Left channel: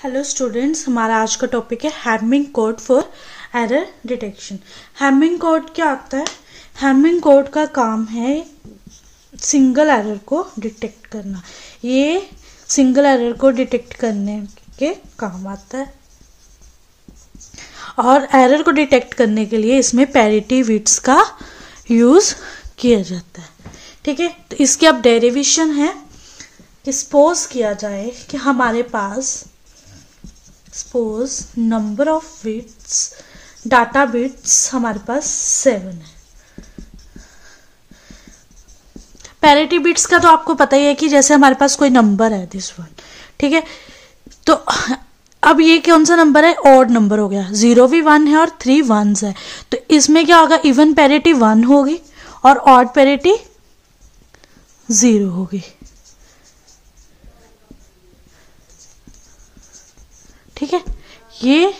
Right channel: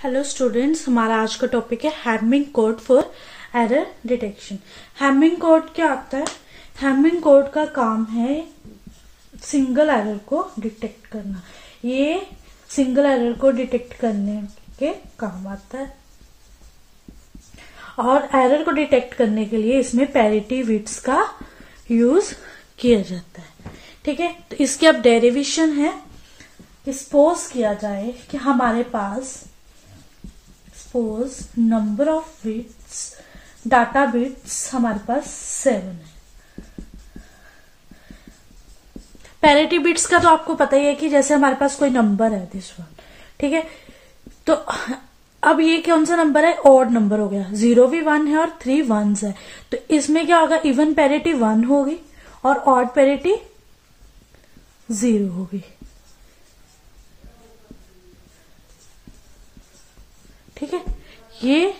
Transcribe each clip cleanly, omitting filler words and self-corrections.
Hello students, हमारा आज का टॉपिक है Hamming code for error detection. Hamming code क्या आता है? हैमिंग कोड का काम है सिंगल एरर को डिटेक्ट करना। ये सिंगल एरर को डिटेक्ट करने के काम आता है और एरर को डिटेक्ट करने के लिए इसमें पैरिटी बिट्स का यूज किया जाता है। ठीक है, तो इसकी अब डेरिवेशन है कि सपोज किया जाए कि हमारे पास suppose number of bits data bits हमारे पास 7 है। पैरिटी बिट्स का तो आपको पता ही है कि जैसे हमारे पास कोई नंबर है दिस वन, ठीक है। तो अब ये कौन सा नंबर है? ऑड नंबर हो गया। 0 भी 1 है और 3 1s है। तो इसमें क्या होगा? इवन पैरिटी 1 होगी और ऑड पैरिटी 0 होगी। ठीक है, ये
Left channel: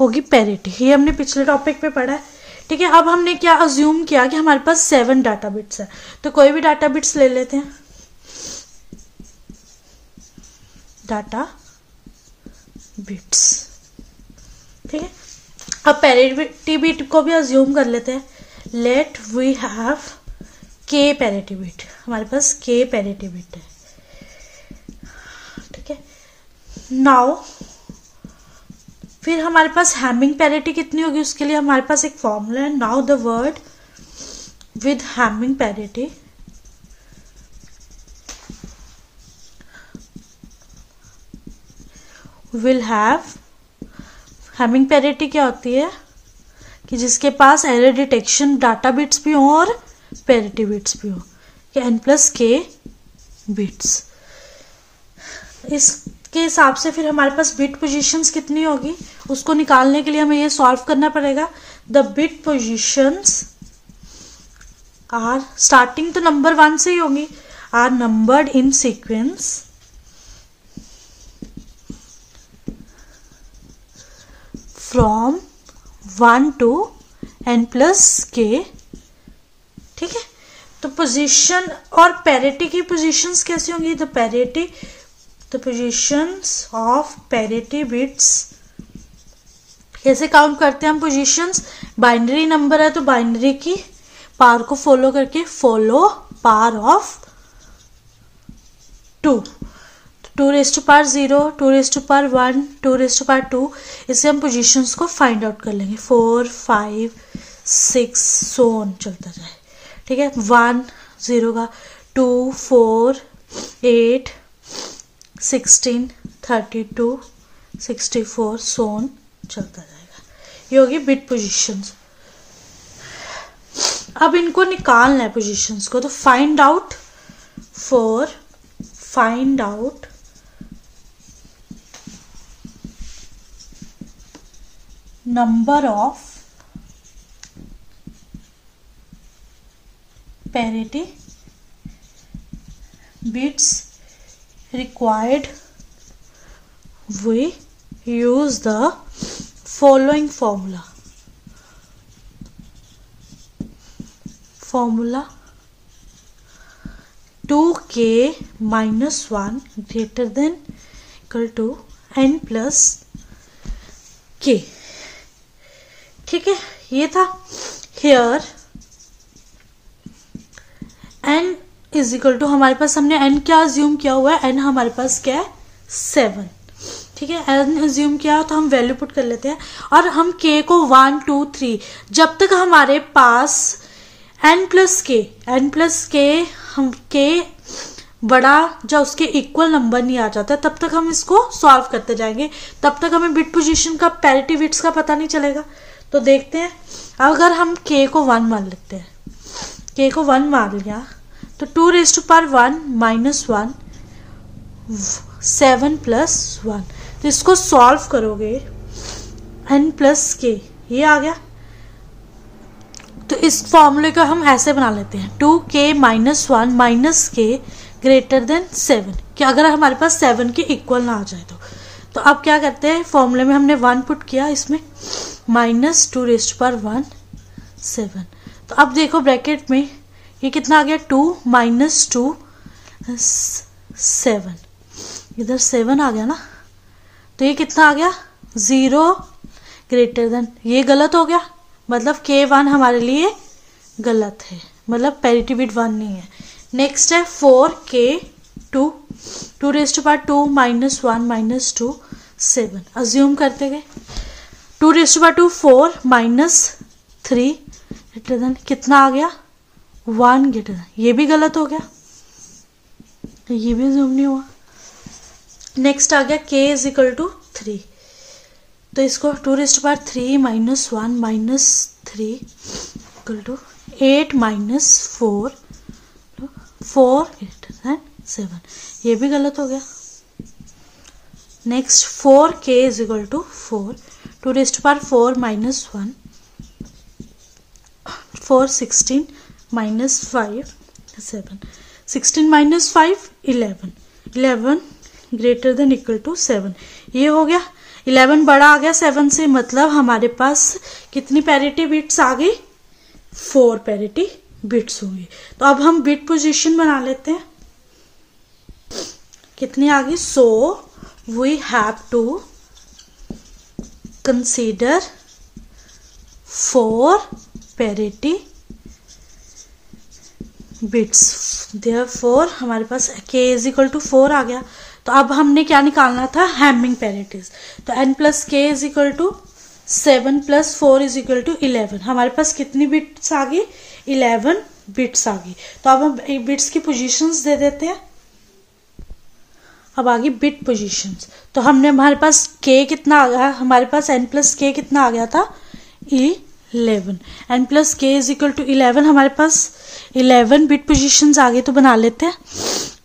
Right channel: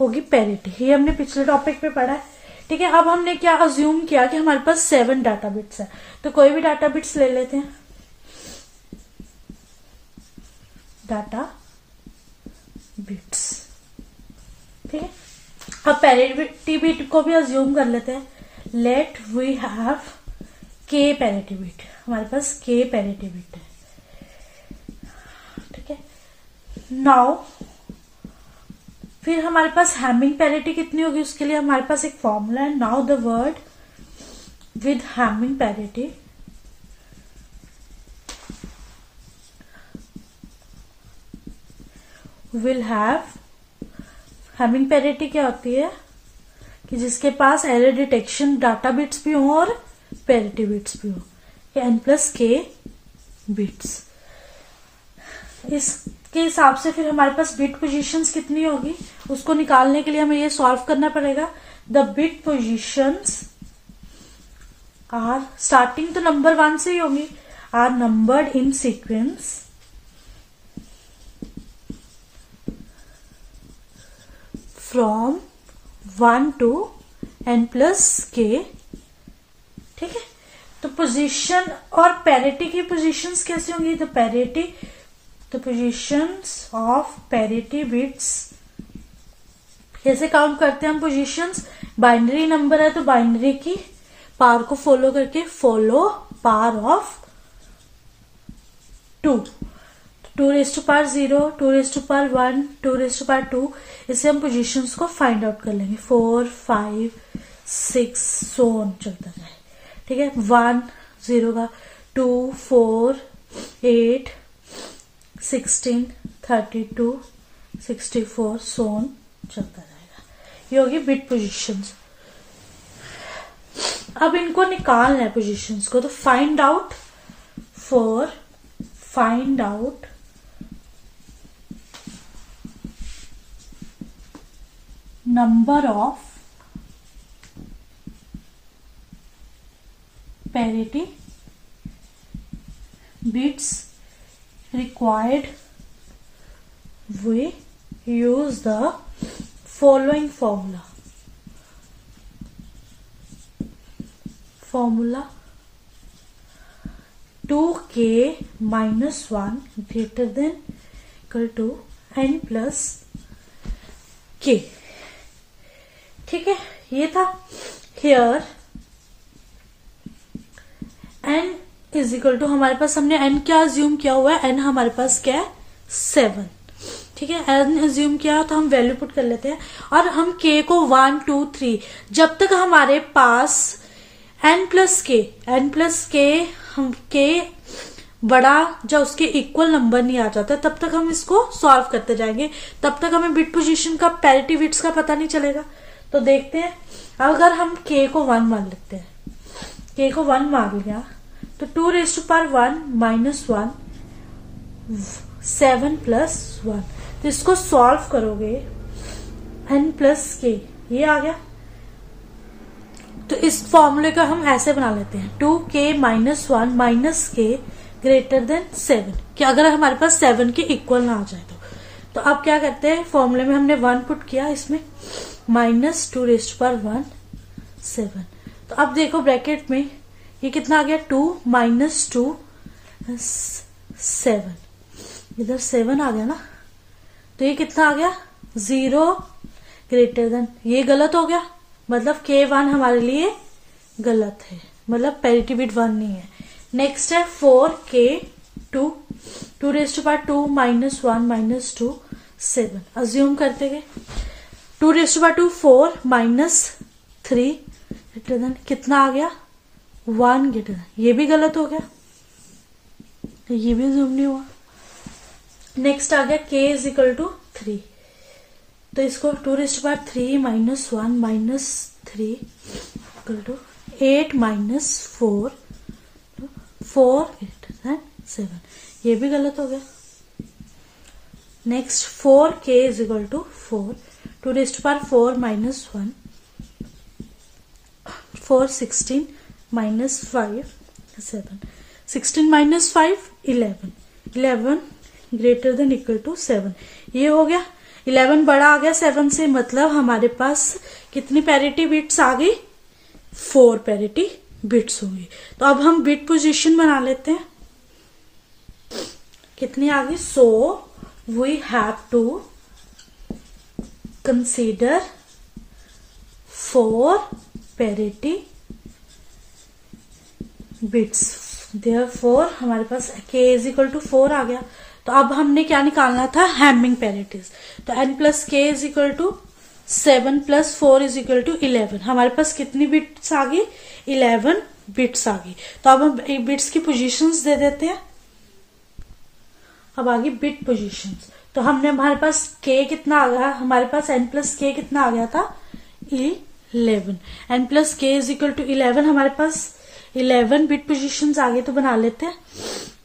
होगी पैरिटी। ये हमने पिछले टॉपिक पे पढ़ा है। ठीक है, अब हमने क्या अज्यूम किया कि हमारे पास 7 डाटा बिट्स है। तो कोई भी डाटा बिट्स ले लेते हैं। डाटा बिट्स, ठीक है। अब पैरिटी बिट को भी अज्यूम कर लेते हैं। लेट वी हैव के पैरिटी बिट। हमारे पास के पैरिटी बिट है। ठीक है, नाउ फिर हमारे पास हैमिंग पैरिटी कितनी होगी उसके लिए हमारे पास एक फॉर्मूला है। Now the word with Hamming parity will have. Hamming parity क्या होती है कि जिसके पास एरर डिटेक्शन डाटा बिट्स भी हो और पैरिटी बिट्स भी हो, n+k बिट्स। इसके हिसाब से फिर हमारे पास बिट पोजीशंस कितनी होगी उसको निकालने के लिए हमें ये सॉल्व करना पड़ेगा। The bit positions are, starting तो नंबर 1 से ही होगी, are numbered in sequence from 1 to n+k। ठीक है, तो पोजीशन और पैरिटी की पोजीशंस कैसी होंगी? The positions of parity bits. कैसे काउंट करते हैं हम पोजीशंस? बाइनरी नंबर है तो बाइनरी की पावर को फॉलो करके, फॉलो पावर ऑफ 2, 2⁻0, 2⁻1, 2⁻2। इससे हम पोजीशंस को फाइंड आउट कर लेंगे। 4, 5, 6 सो ऑन चलता जाए। ठीक है, 1 0 का, 2 4 8 16 32 64 सो ऑन चलता जाएगा। ये होगी बिट पोजीशंस। अब इनको निकालना है पोजीशंस को, तो find out number of parity bits required, we use the following formula 2k - 1 greater than equal to n+k। ठीक है, ये था। here n is equal to, हमारे पास हमने n क्या अज्यूम किया हुआ है? n हमारे पास क्या है? 7। ठीक है, n अज्यूम किया तो हम वैल्यू पुट कर लेते हैं और हम k को 1 2 3 जब तक हमारे पास n+k हम k बड़ा जो उसके इक्वल नंबर नहीं आ जाता तब तक हम इसको सॉल्व करते जाएंगे। तब तक हमें बिट पोजीशन का, पैरिटी बिट्स का पता नहीं चलेगा। तो देखते हैं, अगर हम k को 1 मान लेते हैं, k को 1 मान लिया तो 2⁻1 - 1 7 + 1। तो इसको सॉल्व करोगे n+k, ये आ गया। तो इस फॉर्मूले को हम ऐसे बना लेते हैं 2k - 1 - k greater than 7, कि अगर हमारे पास 7 के इक्वल ना आ जाए तो अब क्या करते हैं? फॉर्मूले में हमने 1 पुट किया, इसमें -2⁻1 7। तो अब देखो ब्रैकेट में ये कितना आ गया? 2 - 2 7, इधर 7 आ गया ना। तो ये कितना आ गया 0 ग्रेटर देन, ये गलत हो गया, मतलब K1 हमारे लिए गलत है, मतलब पैरिटी बिट 1 नहीं है। नेक्स्ट है 4K2, 2 raised to power 2 minus 1 minus 2 7, assume करते गए 2 raised to power 2 4 minus 3 greater than कितना आ गया 1 ग्रेटर देन, ये भी गलत हो गया, ये भी अज्यूम नहीं हुआ। नेक्स्ट आ गया K इज इक्वल टू 3, तो इसको 2 raised to power 3 minus 1 minus 3 equal to 8 minus 4 greater than 7, ये भी गलत हो गया। Next 4K is equal to 4, 2 raised to power 4 minus 1 4 16 minus 5 7, 16 minus 5 11 greater than equal to 7, ये हो गया। 11 बड़ा आ गया 7 से, मतलब हमारे पास कितनी पैरिटी बिट्स आ गई 4 पैरिटी बिट्स होंगी। तो अब हम बिट पोजीशन बना लेते हैं, कितनी आ गई, so we have to consider 4 parity bits, therefore हमारे पास K इज इक्वल टू 4 आ गया। तो अब हमने क्या निकालना था, हैमिंग पैरिटीज, तो n plus K is equal to 7 plus 4 is equal to 11, हमारे पास कितनी बिट्स आ गई 11 बिट्स आ गई। तो अब हम बिट्स की पोजीशंस दे देते हैं। अब आ गई बिट पोजीशंस, तो हमने हमारे पास K कितना आ गया, हमारे पास n प्लस K कितना आ गया था 11, n plus K is equal to 11, हमारे पास 11 बिट पोजीशंस आ गए। तो बना लेते हैं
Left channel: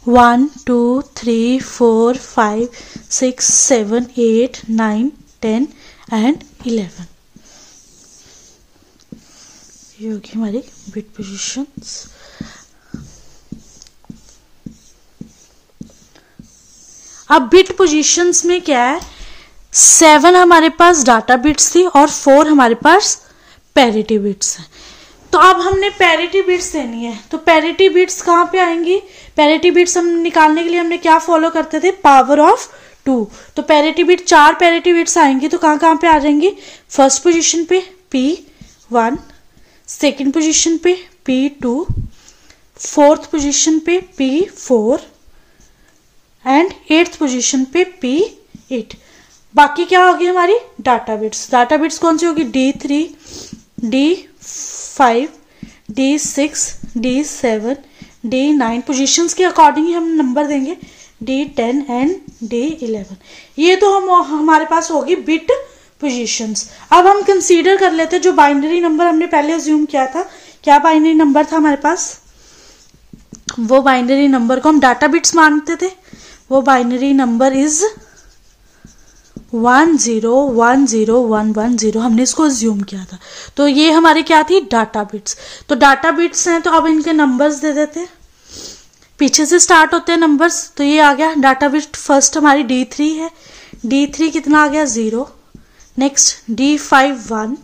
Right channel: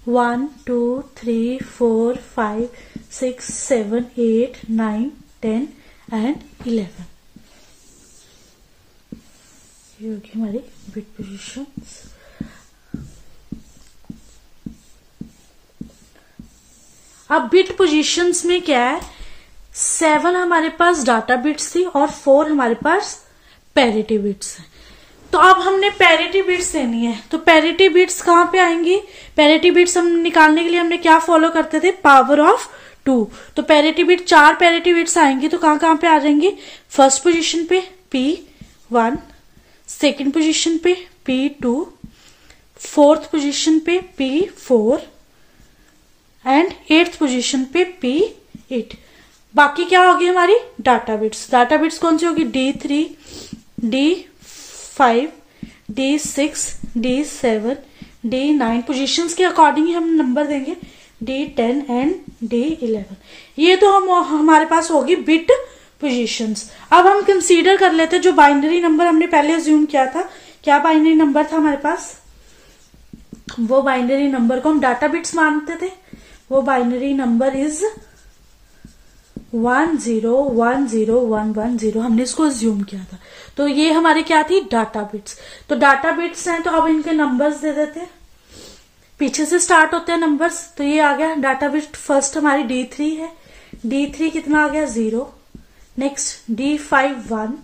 1 2 3 4 5 6 7 8 9 10 एंड 11, ये होगी हमारी बिट पोजीशंस। अब बिट पोजीशंस में क्या है, 7 हमारे पास डाटा बिट्स थी और 4 हमारे पास पैरिटी बिट्स है। तो अब हमने पैरिटी बिट्स देनी है, तो पैरिटी बिट्स कहाँ पे आएंगी, पैरिटी बिट्स हम निकालने के लिए हमने क्या फॉलो करते थे, पावर ऑफ 2। तो पैरिटी बिट 4 पैरिटी बिट्स आएंगी, तो कहाँ पे आ जाएंगी, फर्स्ट पोजीशन पे P1, सेकंड पोजीशन पे P2, फोर्थ पोजीशन पे P4 एंड 8th पोजीशन पे P8। बाकी क्या होगी हमारी डाटा बिट्स, डाटा बिट्स कौन सी होगी, D3, D5, D6, D7, D9, positions के अकॉर्डिंग ही हम नंबर देंगे, D10 एंड D11। ये तो हमारे पास होगी बिट पोजीशंस। अब हम कंसीडर कर लेते हैं जो बाइनरी नंबर हमने पहले अज्यूम किया था, क्या बाइनरी नंबर था हमारे पास, वो बाइनरी नंबर को हम डाटा बिट्स मानते थे, वो बाइनरी नंबर इज 1010110, हमने इसको अज्यूम किया था। तो ये हमारे क्या थी, डाटा बिट्स। तो डाटा बिट्स हैं, तो अब इनके नंबर्स दे देते हैं, पीछे से स्टार्ट होते हैं नंबर्स। तो ये आ गया डाटा बिट, फर्स्ट हमारी D3 है, D3 कितना आ गया 0, next D5 1,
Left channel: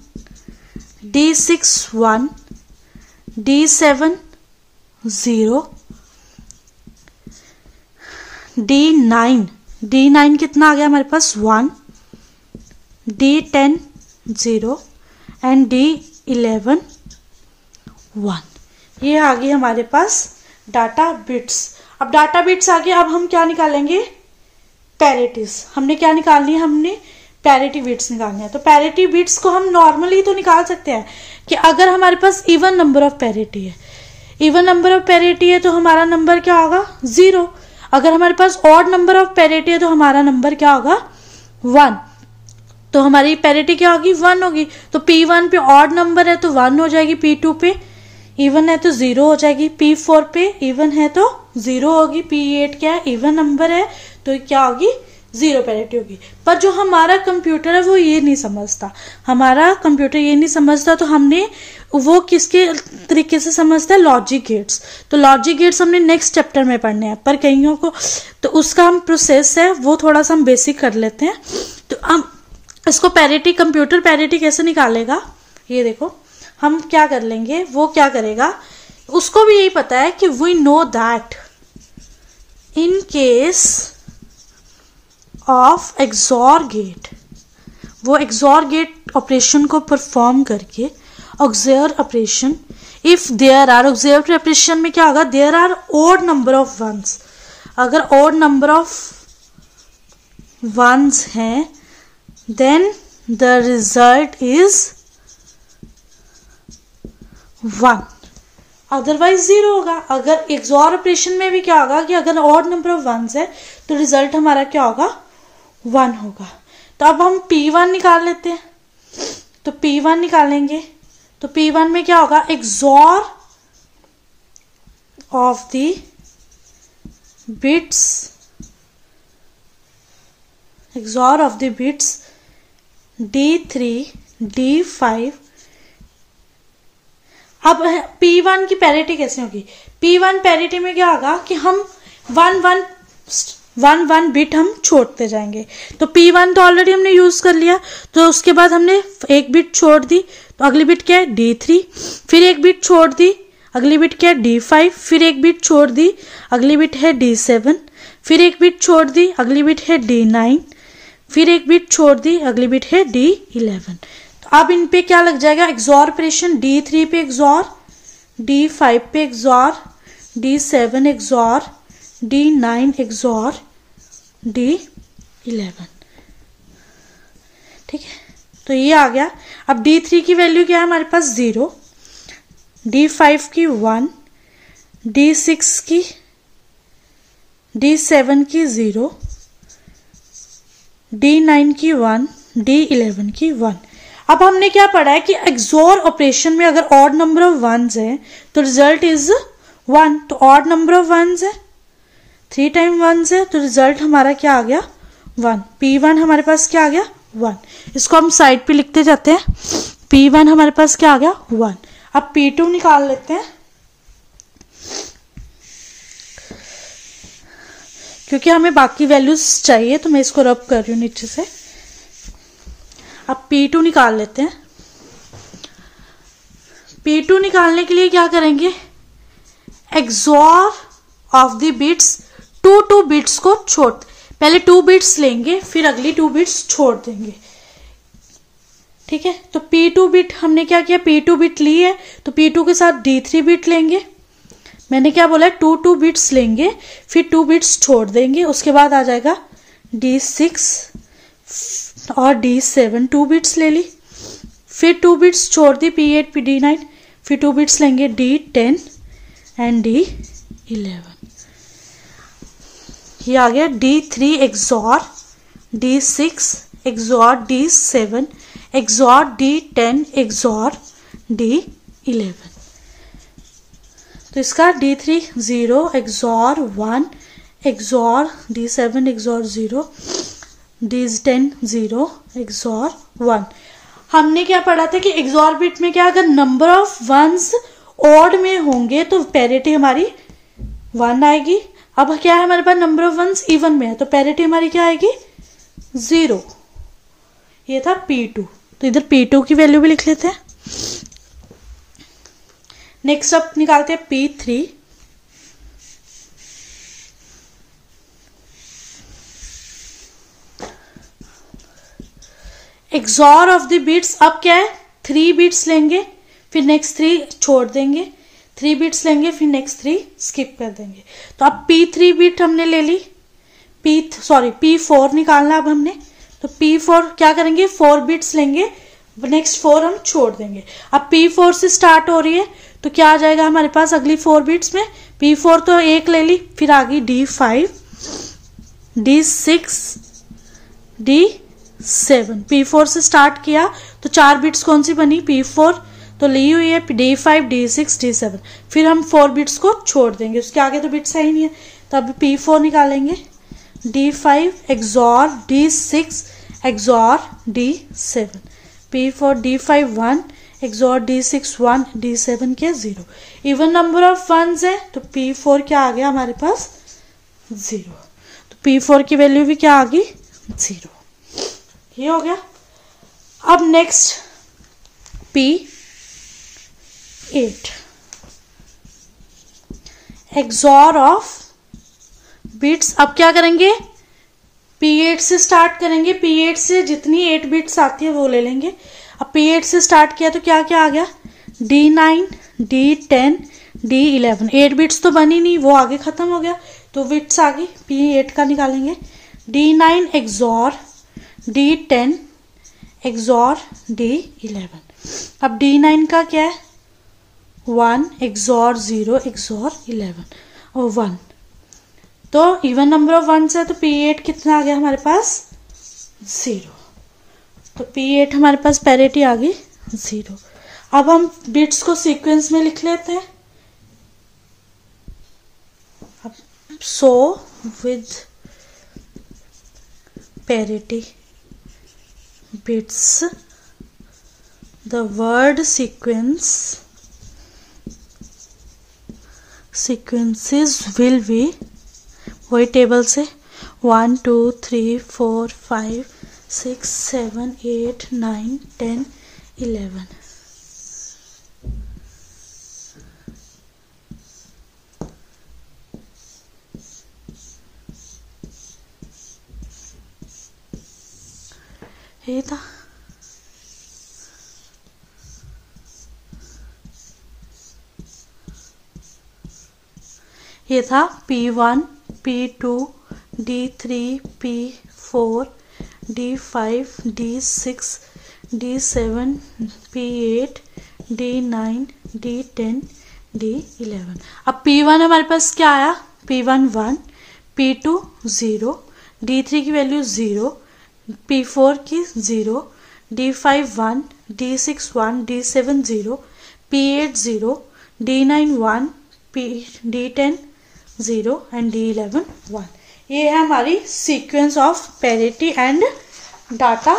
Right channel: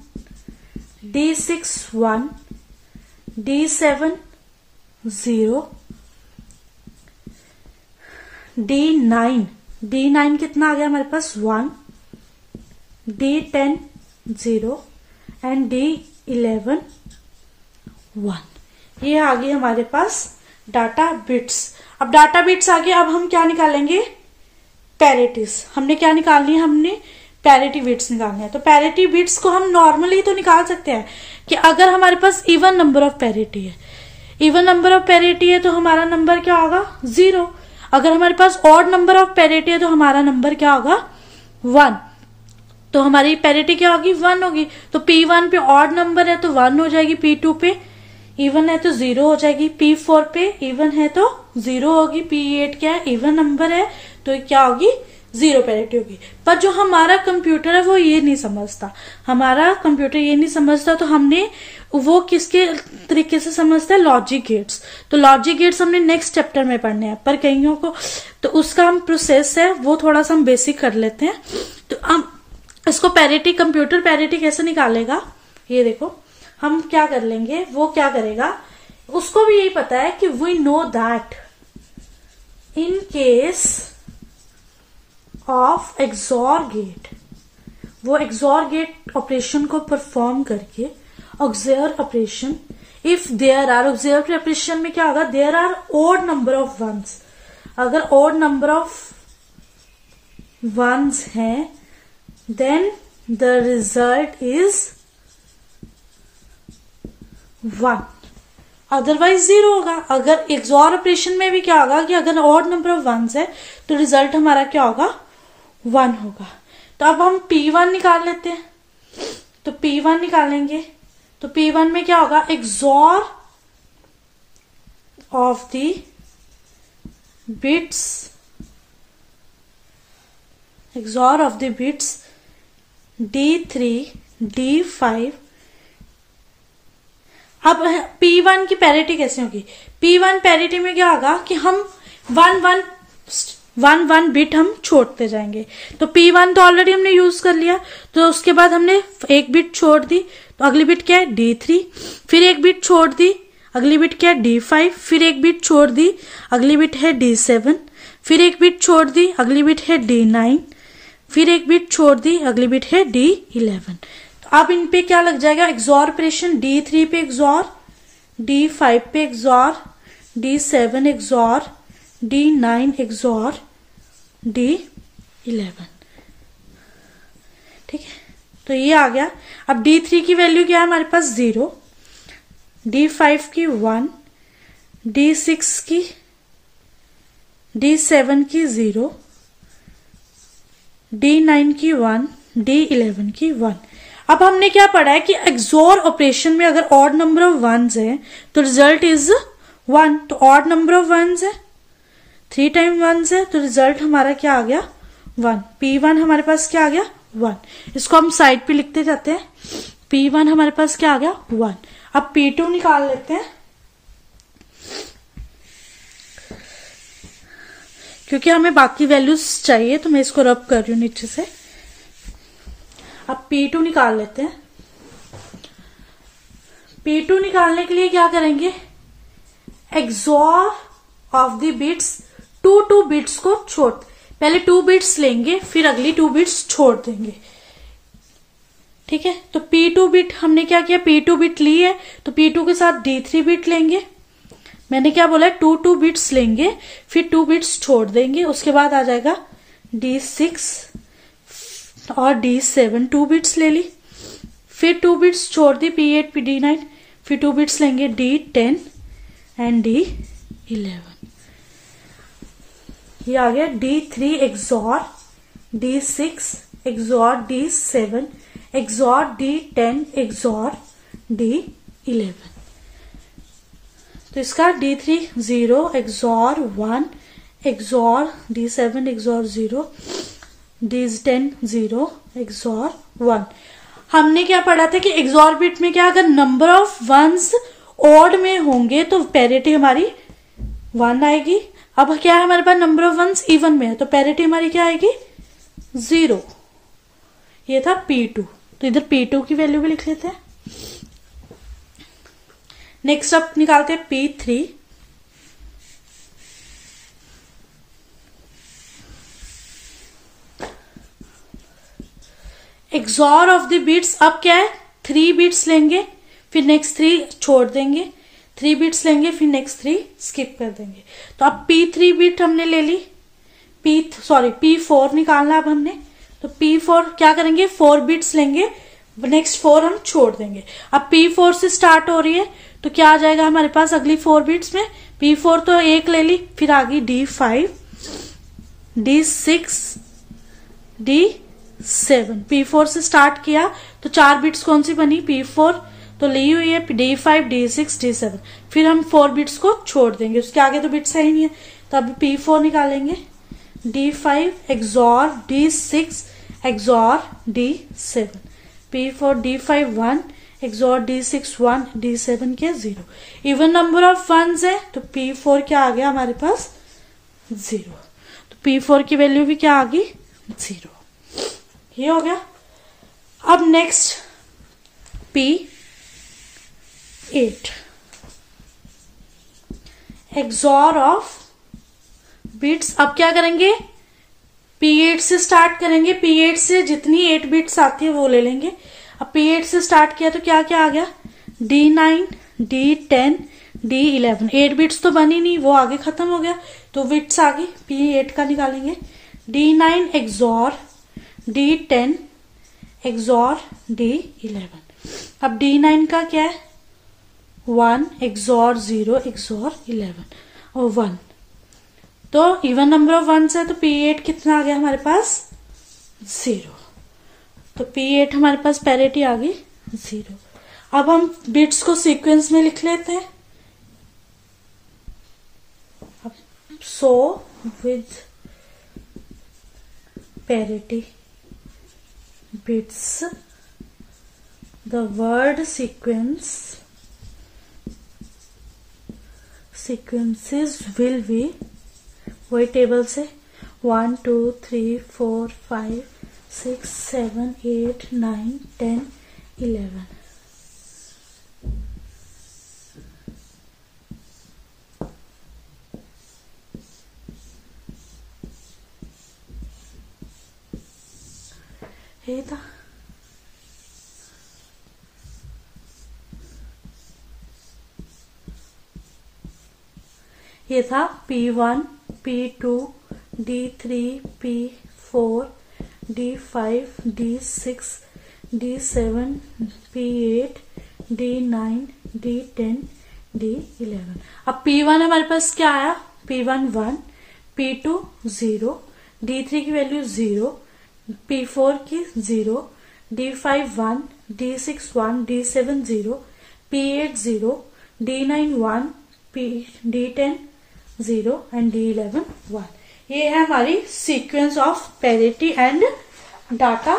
D6 1, D7 0, D9 कितना आ गया हमारे पास 1, D10 0 एंड D11 1, ये आ गई हमारे पास डाटा बिट्स। अब डाटा बिट्स आ गए, अब हम क्या निकालेंगे, पैरिटीज। हमने क्या निकालनी है, हमने पैरिटी बिट्स निकालनी है। तो पैरिटी बिट्स को हम नॉर्मली तो निकाल सकते हैं कि अगर हमारे पास इवन नंबर ऑफ पैरिटी है, इवन नंबर ऑफ पैरिटी है तो हमारा नंबर क्या होगा 0। अगर हमारे पास ऑड नंबर ऑफ पैरिटी है तो हमारा नंबर क्या होगा 1। तो हमारी पैरिटी क्या होगी 1 होगी। तो P1 पे ऑड नंबर है तो 1 हो जाएगी, P2 पे इवन है तो 0 हो जाएगी, P4 पे इवन है तो 0 होगी, P8 क्या है इवन नंबर है तो क्या होगी 0 पैरिटी होगी। पर जो हमारा कंप्यूटर है वो ये नहीं समझता, हमारा कंप्यूटर ये नहीं समझता, तो हमने वो किसके तरीके से समझता है, लॉजिक गेट्स। तो लॉजिक गेट्स हमने नेक्स्ट चैप्टर में पढ़ने हैं, पर कईयों को तो उसका हम प्रोसेस है वो थोड़ा सा हम बेसिक कर लेते हैं। तो हम उसको पैरिटी, कंप्यूटर पैरिटी कैसे निकालेगा, ये देखो हम क्या कर लेंगे, वो क्या करेगा, उसको भी यही पता है कि we know that in case of XOR gate, वो एक्सॉर गेट ऑपरेशन को परफॉर्म करके auxiliary operation, if there are, auxiliary operation में क्या होगा, there are odd number of ones, अगर ओड नंबर ऑफ वंस हैं then the result is 1, otherwise 0 होगा। अगर एक्सॉर ऑपरेशन में भी क्या होगा कि अगर ऑड नंबर ऑफ वंस है तो रिजल्ट हमारा क्या होगा, 1 होगा। तो अब हम P1 निकाल लेते हैं, तो P1 निकालेंगे तो P1 में क्या होगा, XOR of the bits, XOR of the bits D3 D5। अब P1 की पैरिटी कैसे होगी, P1 पैरिटी में क्या होगा कि हम 1 बिट हम छोड़ते जाएंगे। तो P1 तो ऑलरेडी हमने यूज कर लिया, तो उसके बाद हमने एक बिट छोड़ दी, तो अगली बिट क्या है D3, फिर एक बिट छोड़ दी, अगली बिट क्या है D5, फिर एक बिट छोड़ दी, अगली बिट है D7, फिर एक बिट छोड़ दी, अगली बिट है D9, फिर एक बिट छोड़ दी, अगली बिट है D11। तो अब इन पे क्या लग जाएगा, एक्सॉर ऑपरेशन, D3 पे एक्सॉर, D5 पे XOR, D7 XOR, D9 XOR, D11। ठीक है, तो ये आ गया। अब D3 की वैल्यू क्या है हमारे पास, 0, D5 की 1, D6 की, D7 की 0, D9 की 1, D11 की 1। अब हमने क्या पढ़ा है कि एक्सॉर ऑपरेशन में अगर ऑड नंबर ऑफ वंस है तो रिजल्ट इज 1, तो ऑड नंबर ऑफ वंस है, 3 टाइम वंस है, तो रिजल्ट हमारा क्या आ गया, 1। P1 हमारे पास क्या आ गया, 1। इसको हम साइड पे लिखते जाते हैं, P1 हमारे पास क्या आ गया, 1। अब P2 निकाल लेते हैं, क्योंकि हमें बाकी वैल्यूज चाहिए, तो मैं इसको रब कर रही हूं नीचे से। अब P2 निकाल लेते हैं। P2 निकालने के लिए क्या करेंगे, XOR of the bits, 2 bits को छोड़, पहले 2 बिट्स लेंगे फिर अगली 2 बिट्स छोड़ देंगे। ठीक है, तो P2 बिट हमने क्या किया, P2 बिट ली है तो P2 के साथ D3 बिट लेंगे। मैंने क्या बोला है, 2 बिट्स लेंगे फिर 2 बिट्स छोड़ देंगे, उसके बाद आ जाएगा D6 और D7, 2 बिट्स ले ली, फिर 2 बिट्स छोड़ दी, P8 D9, फिर 2 बिट्स लेंगे D10 एंड D11। ये आ गया D3 XOR D6 XOR D7 XOR D10 XOR D11। तो इसका D3 0 XOR 1 XOR D7 XOR 0 D10 0 XOR 1। हमने क्या पढ़ा था कि एक्सॉर बिट में क्या, अगर नंबर ऑफ वंस ऑड में होंगे तो पैरिटी हमारी 1 आएगी। अब क्या है हमारे पास, नंबर ऑफ वंस इवन में है तो पैरिटी हमारी क्या आएगी, 0। ये था P2, तो इधर P2 की वैल्यू भी लिख लेते हैं। नेक्स्ट अब निकालते हैं P3। XOR of the bits, अब क्या है, 3 बिट्स लेंगे फिर नेक्स्ट 3 छोड़ देंगे, 3 बिट्स लेंगे फिर नेक्स्ट 3 स्किप कर देंगे। तो अब P3 बिट हमने ले ली, P4 निकालना अब हमने, तो P4 क्या करेंगे, 4 बिट्स लेंगे, नेक्स्ट 4 हम छोड़ देंगे। अब P4 से स्टार्ट हो रही है तो क्या आ जाएगा हमारे पास अगली 4 बिट्स में, P4 तो 1 ले ली, फिर आ गई D5 D6 D7। P4 से स्टार्ट किया तो 4 बिट्स कौन सी बनी, P4 तो ली हुई है, D5 D6 D7, फिर हम 4 बिट्स को छोड़ देंगे, उसके आगे तो बिट्स है ही नहीं है। तो अभी P4 निकालेंगे, D5 XOR D6 XOR D7, P4 D5 1 XOR D6 1 D7 के 0। इवन नंबर ऑफ वंस है तो P4 क्या आ गया हमारे पास, 0। तो P4 की वैल्यू भी क्या आ गई, 0। ये हो गया। अब next P8 XOR of bits. अब क्या करेंगे, P8 से स्टार्ट करेंगे, P8 से जितनी 8 बिट्स आती है वो ले लेंगे। अब P8 से स्टार्ट किया तो क्या क्या आ गया, D9, D10, D11। 8 बिट्स तो बनी नहीं, वो आगे खत्म हो गया, तो बिट्स आ गई। P8 का निकालेंगे, D9 XOR D10 XOR D11। अब D9 का क्या है, 1 XOR 0 XOR 11 और 1, तो इवन नंबर ऑफ वंस है, तो P8 कितना आ गया हमारे पास, 0। तो P8 हमारे पास पैरिटी आ गई 0। अब हम बिट्स को सीक्वेंस में लिख लेते हैं। अब so with parity bits the word sequences will be, वही टेबल से 1 2 3 4 5 6 7 8 9 10 11। ये था P1, P2, D3, P4, D5, D6, D7, P8, D9, D10, D11। अब P1 हमारे पास क्या आया, P1 1, P2 0, D3 की वैल्यू 0, P4 की 0, D5 1, D6 1, D7 0, P8 0, D9 1, D10 0 and D11 1। ये है हमारी sequence of parity and data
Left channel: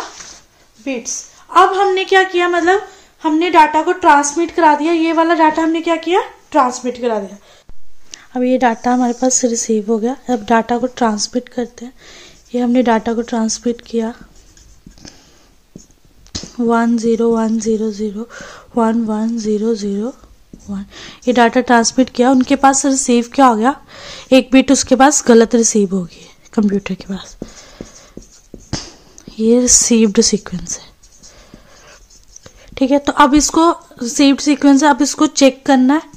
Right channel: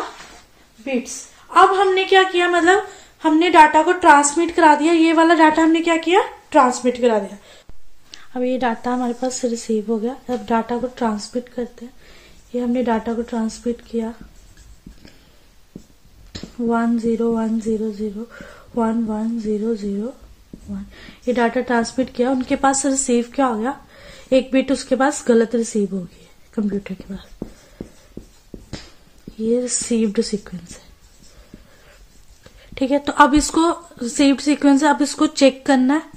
bits. अब हमने क्या किया, मतलब हमने डाटा को ट्रांसमिट करा दिया, ये वाला डाटा हमने क्या किया, ट्रांसमिट करा दिया। अब ये डाटा हमारे पास रिसीव हो गया, अब डाटा को ट्रांसमिट करते हैं। ये हमने डाटा को ट्रांसमिट किया, 1 0 1 0 0 1 1 0 0 1, ये डाटा ट्रांसमिट किया। उनके पास रिसीव क्या हो गया, एक बिट उसके पास गलत रिसीव होगी कंप्यूटर के पास, ये रिसीव्ड सीक्वेंस है, ठीक है। तो अब इसको रिसीव्ड सीक्वेंस है, अब इसको चेक करना है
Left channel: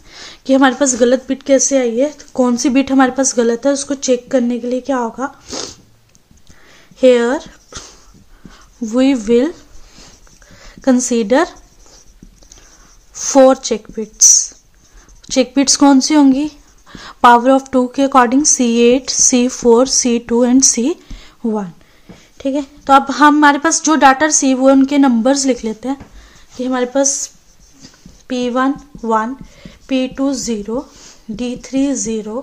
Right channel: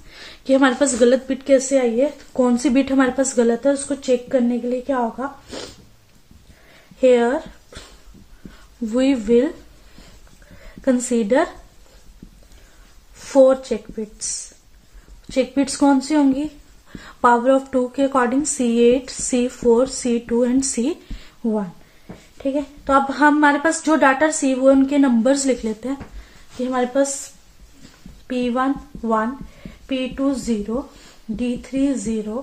कि हमारे पास गलत बिट कैसे आई है, तो कौन सी बिट हमारे पास गलत है, उसको चेक करने के लिए क्या होगा, here we will consider 4 check bits। Check bits कौन सी होंगी, पावर ऑफ 2 के according C8, C4, C2 and C1, ठीक है। तो अब हमारे पास जो डाटा रिसीव हुए उनके नंबर्स लिख लेते हैं। ये हमारे पास P1 1, P2 0, D3 0,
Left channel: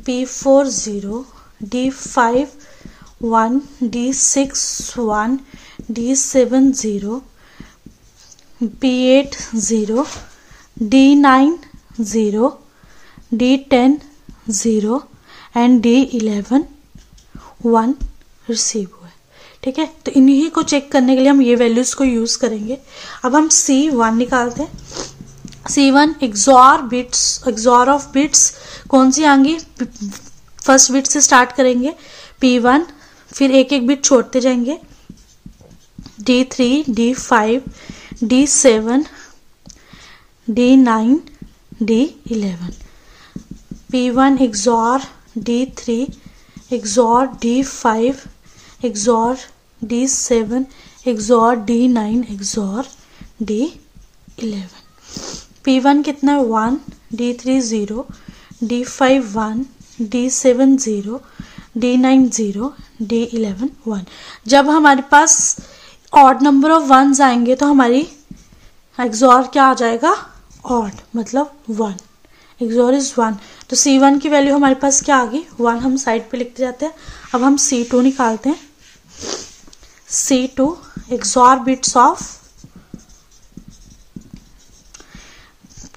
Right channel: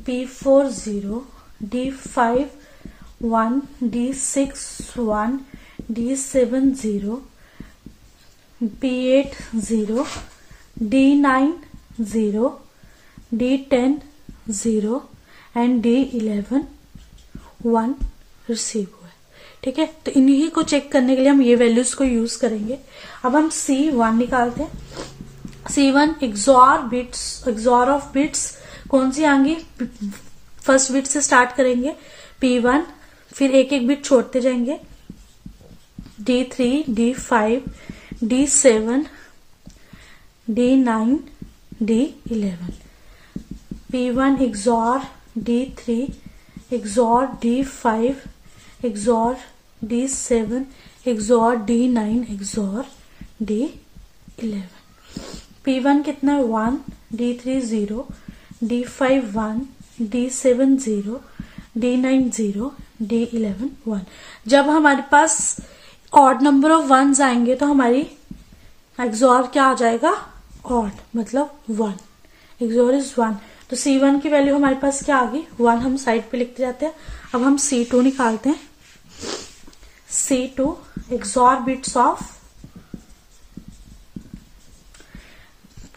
P4 0, D5 1, D6 1, D7 0, P8 0, D9 0, D10 0 and D11 1 receive हुआ, ठीक है। तो इन्हीं को चेक करने के लिए हम ये वैल्यूज को यूज करेंगे। अब हम C1 निकालते हैं। C1 XOR ऑफ बिट्स कौन सी आएंगी, फर्स्ट बिट से स्टार्ट करेंगे, P1, फिर एक एक बिट छोड़ते जाएंगे, D3, D5, D7, D9, D11। P1 XOR D3 XOR D5 XOR D7 XOR D9 XOR D11। P1 कितना 1, D3 0, D5 1, D7 0, D9 0, D11 1। जब हमारे पास ऑड नंबर ऑफ वंस आएंगे तो हमारी एक्सॉर क्या आ जाएगा, ऑड, मतलब 1, एक्सॉर इज 1। तो C1 की वैल्यू हमारे पास क्या आ गई, 1, हम साइड पे लिखते जाते हैं। अब हम C2 निकालते हैं। C2 XOR bits of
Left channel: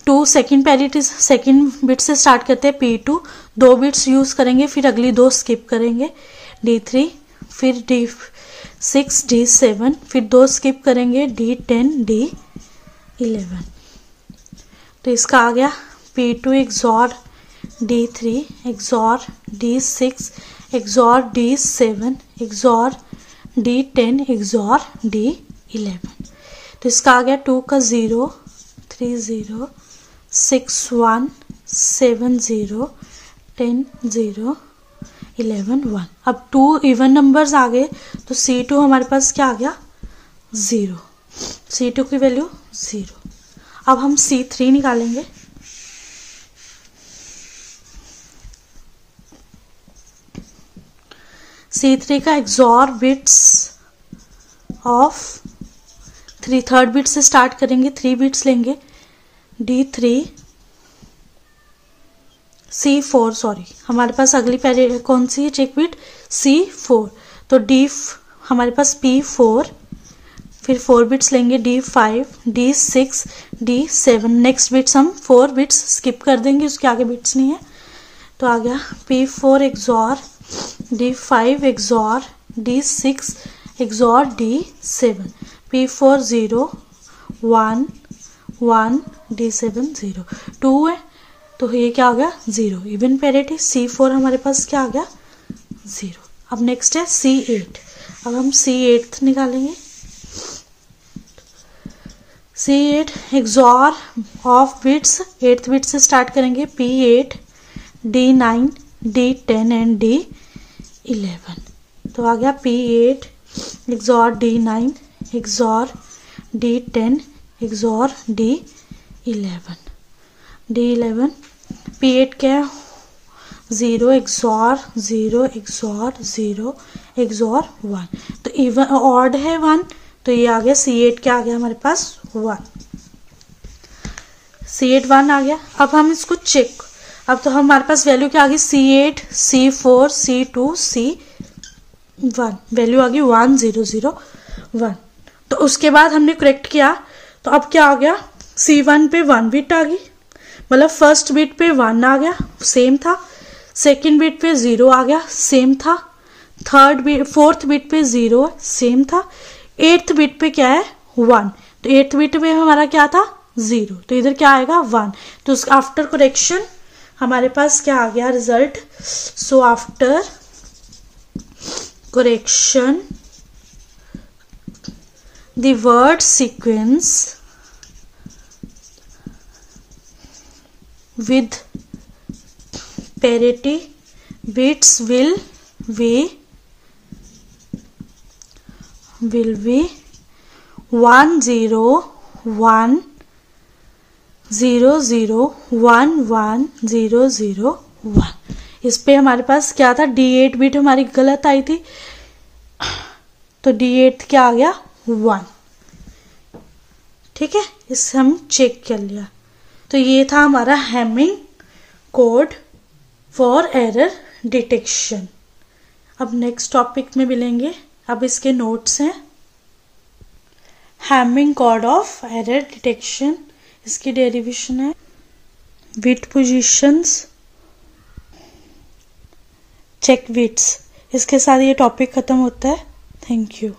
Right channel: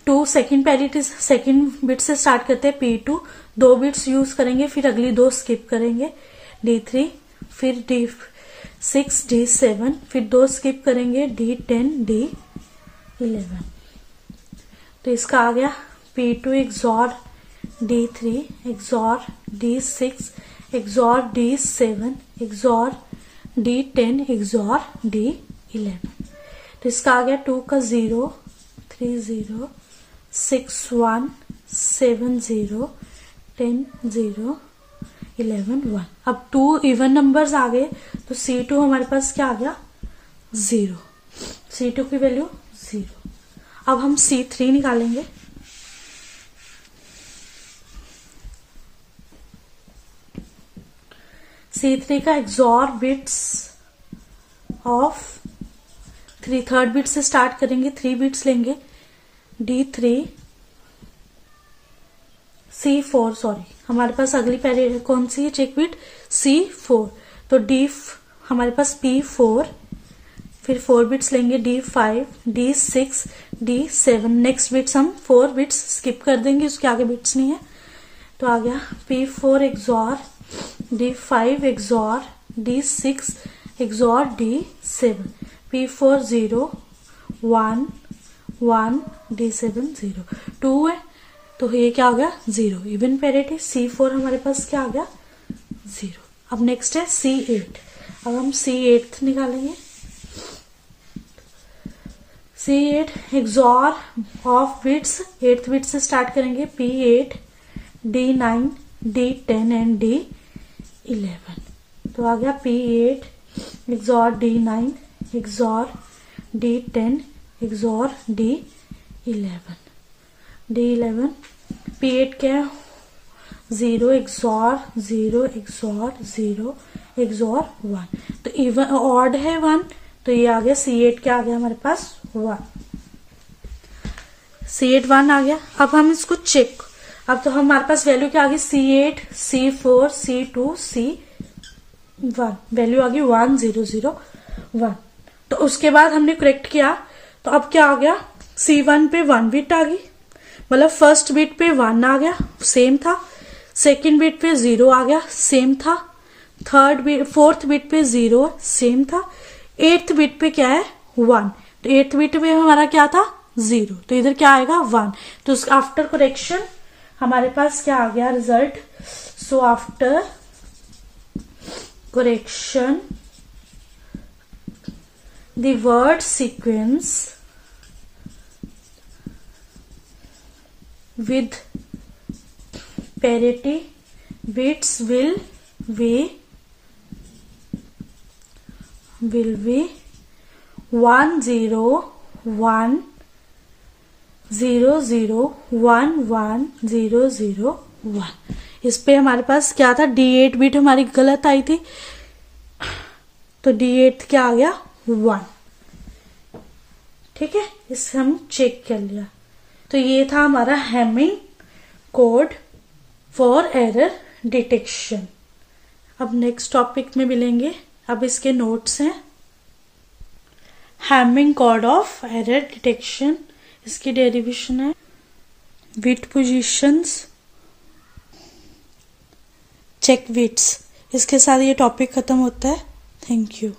2, second parity, second bit से स्टार्ट करते हैं P2, 2 बिट्स यूज करेंगे, फिर अगली 2 स्किप करेंगे, D3, फिर D6, D7, फिर 2 स्किप करेंगे, D10, D11। तो इसका आ गया P2 XOR D3 XOR D6 XOR D7 XOR D10 XOR D11। तो इसका आ गया 2 का 0 3 0 6 1 7 0 10 0 11 1। अब 2 इवन नंबर्स आ गए तो C2 हमारे पास क्या आ गया 0, C2 की वैल्यू 0। अब हम C3 निकालेंगे। C3 का XOR bits of 3, third bit से स्टार्ट करेंगे, 3 बिट्स लेंगे D3 C4 सॉरी हमारे पास अगली पहले कौन सी है चेक बिट C4। तो हमारे पास P4, फिर 4 बिट्स लेंगे D5 D6 D7। Next bits हम 4 बिट्स स्किप कर देंगे, उसके आगे बिट्स नहीं है। तो आ गया P4 XOR D5 XOR D6 XOR D7। P4 0 1 1 D7 0 2 है तो ये क्या आ गया 0, इवन पैरिटी। C4 हमारे पास क्या आ गया 0। अब नेक्स्ट है C8। अब हम C8 निकालेंगे। C8 XOR of bits 8th bit से स्टार्ट करेंगे P8 D9 D10 and D11। तो आ गया P8 XOR D9 XOR D10 XOR D11 D11। P8 क्या है 0 XOR 0 XOR 0 XOR 1। तो इवन ऑड है 1 तो ये आ गया C8 क्या आ गया हमारे पास 1, C8 1 आ गया। अब हम इसको चेक, अब तो हमारे पास वैल्यू क्या आ गई C8 C4 C2 C1, value आ गई 1 0 0 1। तो उसके बाद हमने करेक्ट किया तो अब क्या आ गया C1 पे 1 बिट आ गई, मतलब फर्स्ट बिट पे 1 आ गया सेम था, सेकंड बिट पे 0 आ गया सेम था, फोर्थ बिट पे 0 सेम था, 8th बिट पे क्या है 1। तो 8th बिट पे हमारा क्या था 0, तो इधर क्या आएगा 1। तो आफ्टर करेक्शन हमारे पास क्या आ गया result. So after correction the word sequence with parity bits will be 1 0 1 0 0 1 1 0 0 1। इस पे हमारे पास क्या था D8 बिट हमारी गलत आई थी तो D8 क्या आ गया 1। ठीक है, इसे हम चेक कर लिया। तो ये था हमारा Hamming code for error detection. अब नेक्स्ट टॉपिक में मिलेंगे। अब इसके नोट्स हैं। Hamming code of error detection, इसकी डेरिवेशन है बिट पोजीशंस चेक बिट्स। इसके साथ ये टॉपिक खत्म होता है। Thank you.